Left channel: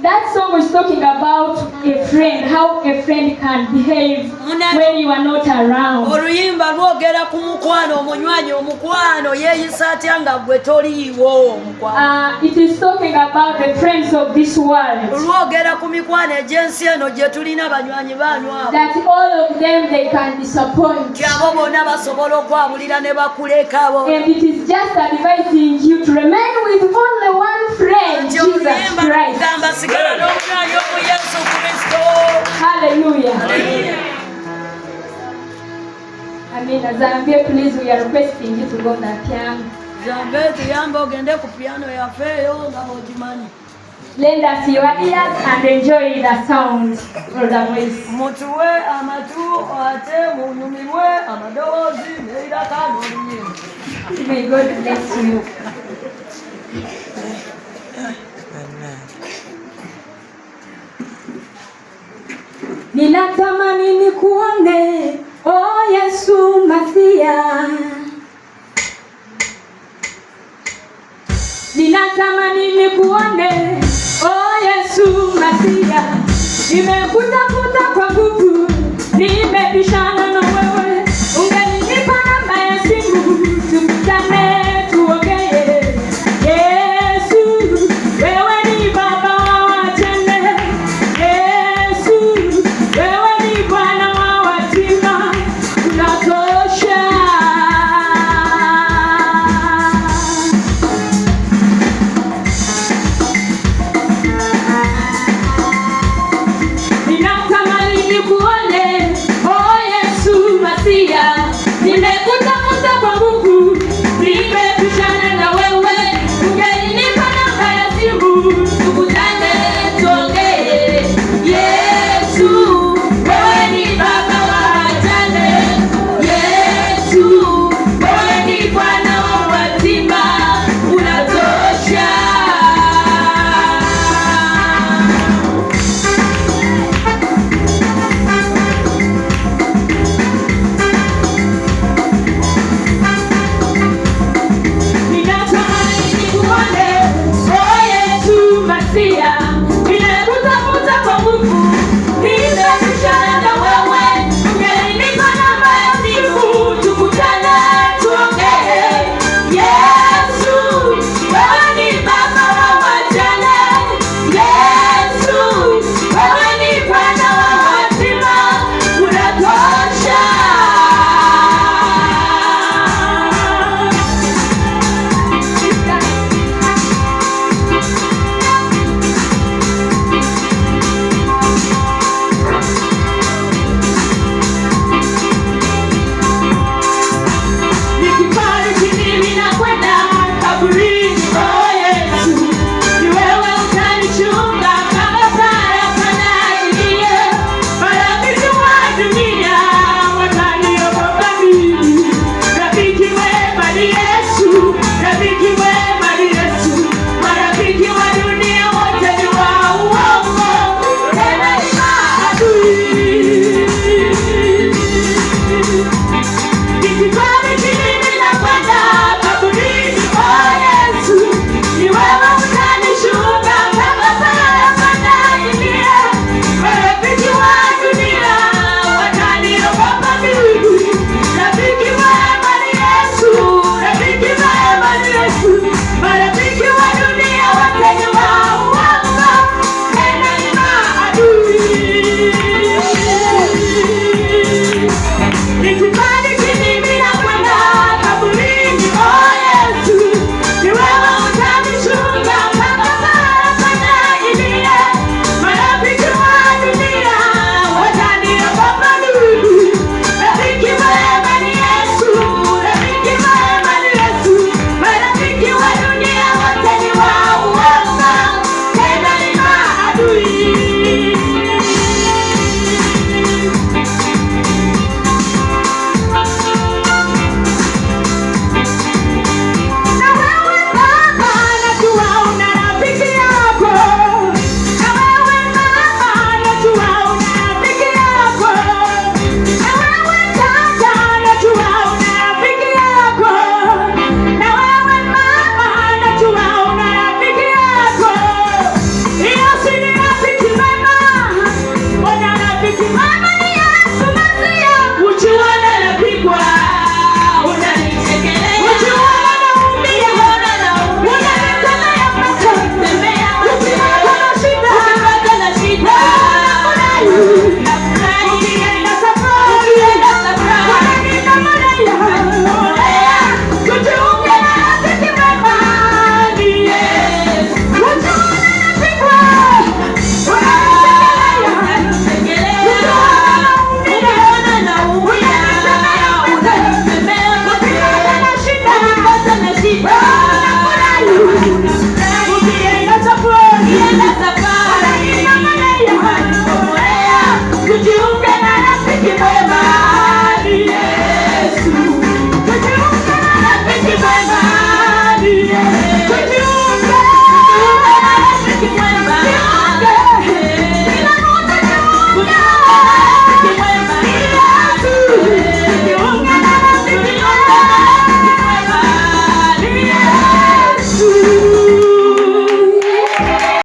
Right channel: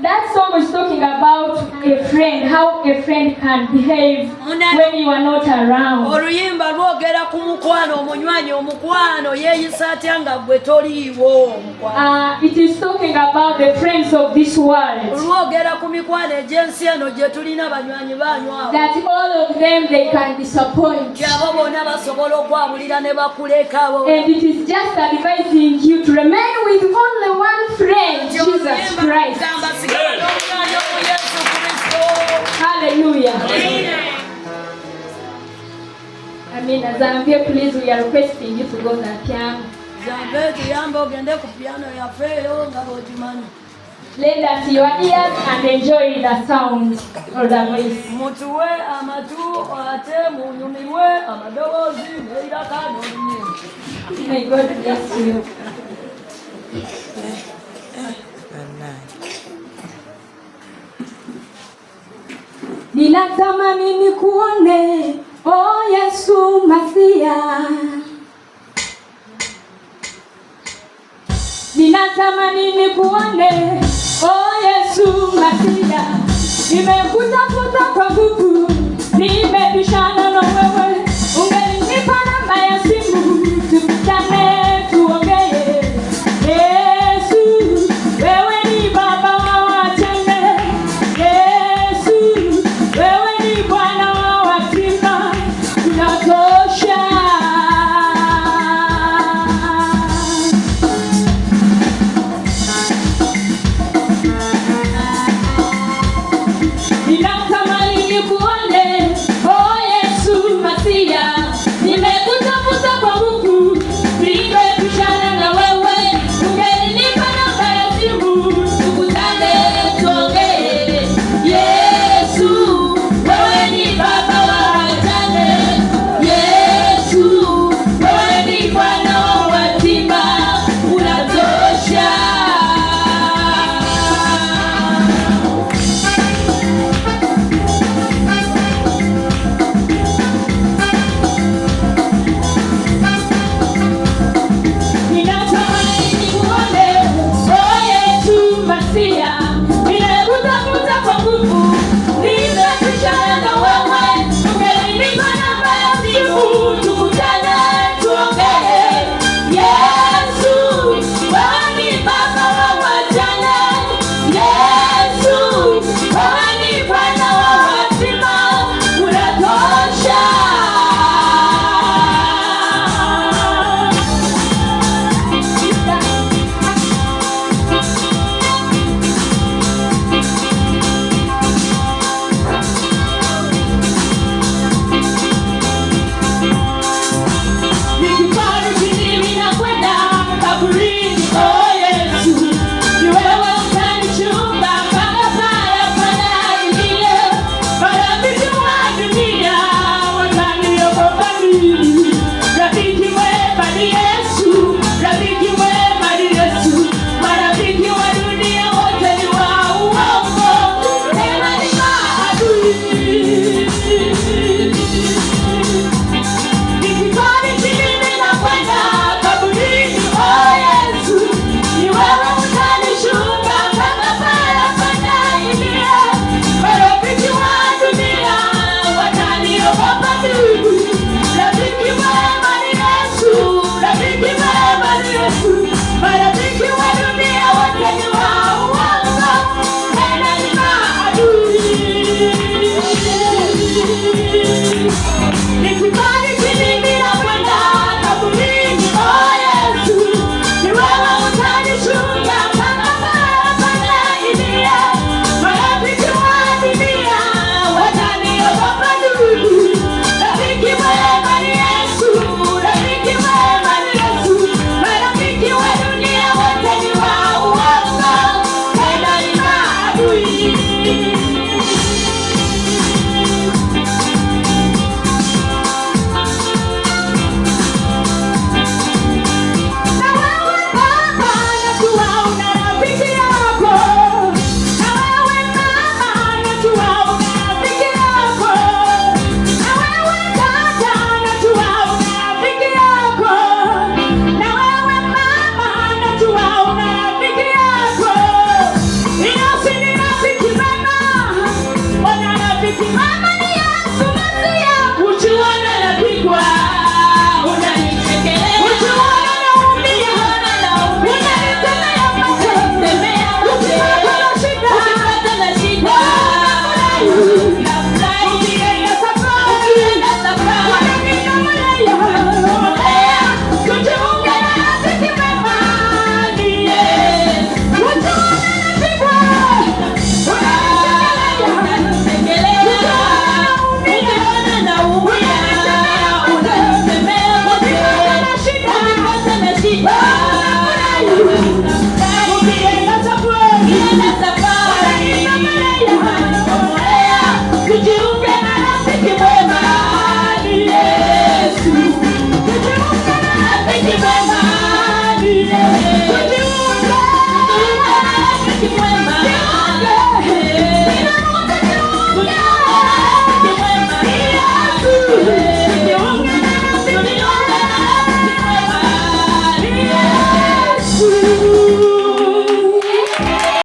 That song was talking about a friend, how a friend can behave when you are not around. Oluyimba lwogera ku mukwano omunywanyi omukwano yeeyisa atya nga gwe toliiwo. It is talking about the friends of this world. Lwogera ku mikwano egy'ensi eno gye tulina banywanyi banywa. That all of them they can disappoint. Abo bonna basobola okwabulira ne bakulekabo. And it is just advising you to remain with only one friend, Jesus Christ. Hallelujah. Amen. Zambia, please, we are requesting you to go to the piano. Lend us your ears and enjoy the sound of the voice. May God bless you. Ninatamani nikuone, oh Yesu Masia. Ninatamani nikuone, oh Yesu Masia. Nimekutafuta kwa nguvu, nimebishana na wewe. Ungenipa namba ya simu, tukutane tuongee. Yesu, wewe ni baba wa tende. Yesu, wewe ni Bwana wa watima, unatosha. Ninatamani nikuone, oh Yesu Now